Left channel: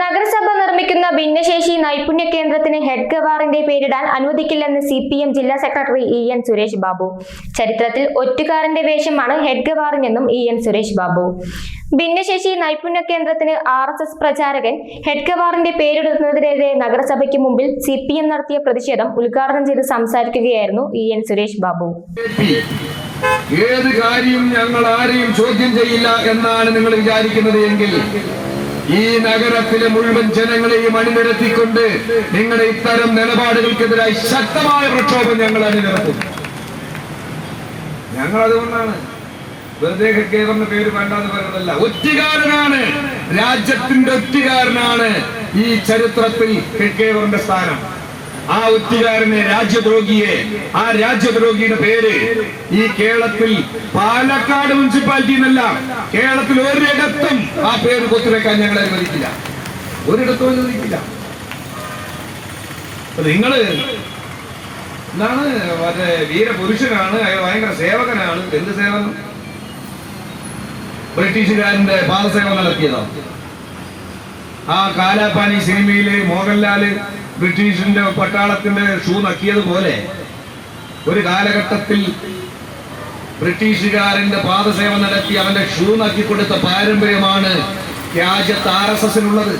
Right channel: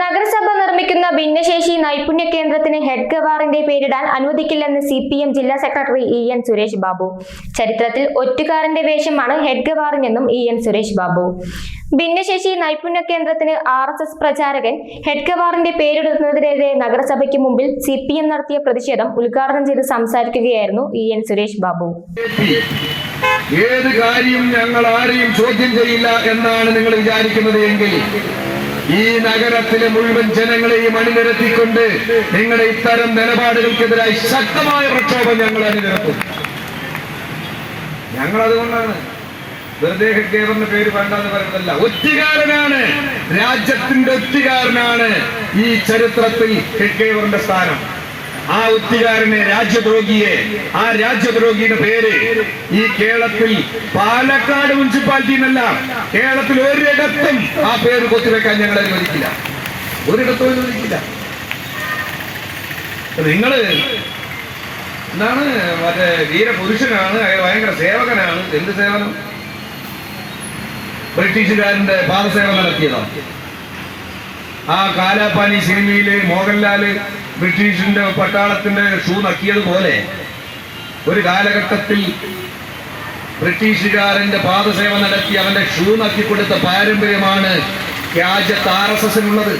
നഗരസഭ നിർമ്മിക്കുന്ന ഭിന്നശേഷി നൈപുണ്യ കേന്ദ്രത്തിന് ഹെഡ് ഗവാറിന്റെ പേരിടാൻ അനുവദിക്കില്ലെന്ന് CPM ജില്ലാ സെക്രട്ടറി EN സുരേഷ് ബാബു. ചരിത്രത്തിൽ ഒറ്റുകാരന്റെ വേഷമാണ് ഹെഡ് ഗവാറിനെന്നും EN സുരേഷ് ബാബു. ഭിന്നശേഷി നൈപുണ്യ കേന്ദ്രത്തിന് RSS പ്രചാരകൻ ഹെഡ് ഗവാറിന്റെ പേരിടുന്നതിനെതിരെ നഗരസഭയ്ക്ക് മുമ്പിൽ CPM നടത്തിയ പ്രതിഷേധം ഉദ്ഘാടനം ചെയ്ത് സംസാരിക്കുകയായിരുന്നു EN സുരേഷ് ബാബു. ഏത് കാര്യം ഞങ്ങൾ ആരെയും ചോദ്യം ചെയ്യില്ല എന്നാണ് നിങ്ങൾ വിചാരിക്കുന്നത് എങ്കിൽ ഈ നഗരത്തിലെ മുഴുവൻ ജനങ്ങളെയും അണിനിരത്തിക്കൊണ്ട് നിങ്ങളുടെ ഇത്തരം നിലപാടുകൾക്കെതിരായി ശക്തമായ പ്രക്ഷോഭം ഞങ്ങൾ അണിനിരത്തും. ഞങ്ങൾ അതുകൊണ്ടാണ് വെറുതെ ഹെഡ്ഗേവറിന്റെ പേര് വേണ്ടെന്ന് പറയുന്നതല്ല. ഒറ്റുകാരനാണ്, രാജ്യത്തിന്റെ ഒറ്റുകാരനാണ് ഈ ചരിത്രത്തിൽ ഹെഡ്ഗേവറിന്റെ സ്ഥാനം. ആ ഒറ്റുകാരനെ, രാജ്യദ്രോഹിയെ, ആ രാജ്യദ്രോഹിയുടെ പേര് ഈ കേരളത്തിൽ പാലക്കാട് മുനിസിപ്പാലിറ്റിന്നല്ല, കേരളത്തിൽ ഒരിടത്തും ആ പേര് കൊത്തിവെക്കാൻ ഞങ്ങൾ അനുവദിക്കില്ല. ഒരിടത്തും അനുവദിക്കില്ല. നിങ്ങള് എന്താണ് മറ്റേ വീരപുരുഷനാണ്, ഭയങ്കര സേവകനാണ്. എന്ത് സേവനം? ബ്രിട്ടീഷുകാരന്റെ പാദസേവനം നടത്തിയതാണ്. ആ കാലാപാനി സിനിമയില് മോഹൻലാല് ബ്രിട്ടീഷിന്റെ പട്ടാളത്തിന്റെ ഷൂ നക്കിയതുപോലെ ഒരു കാലഘട്ടത്തിൽ ബ്രിട്ടീഷുകാരന്റെ പാദസേവനം നടത്തി അവന്റെ ഷൂ നക്കിക്കൊടുത്ത പാരമ്പര്യമാണ് രാജ്യത്ത് RSSനുള്ളത്.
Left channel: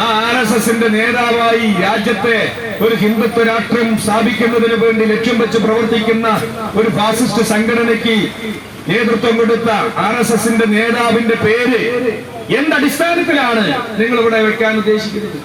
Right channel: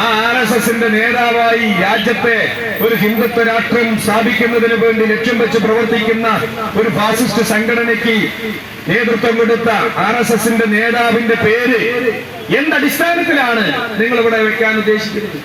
ആ RSSന്റെ നേതാവായി രാജ്യത്തെ ഒരു ഹിന്ദുത്വ രാഷ്ട്രം സ്ഥാപിക്കുന്നതിന് വേണ്ടി ലക്ഷ്യം വെച്ച് പ്രവർത്തിക്കുന്ന ഒരു ഫാസിസ്റ്റ് സംഘടനയ്ക്ക് നേതൃത്വം കൊടുത്ത RSSന്റെ നേതാവിന്റെ പേര് എന്തടിസ്ഥാനത്തിലാണ് നിങ്ങൾ ഇവിടെ വെക്കാൻ ഉദ്ദേശിക്കുന്നത്?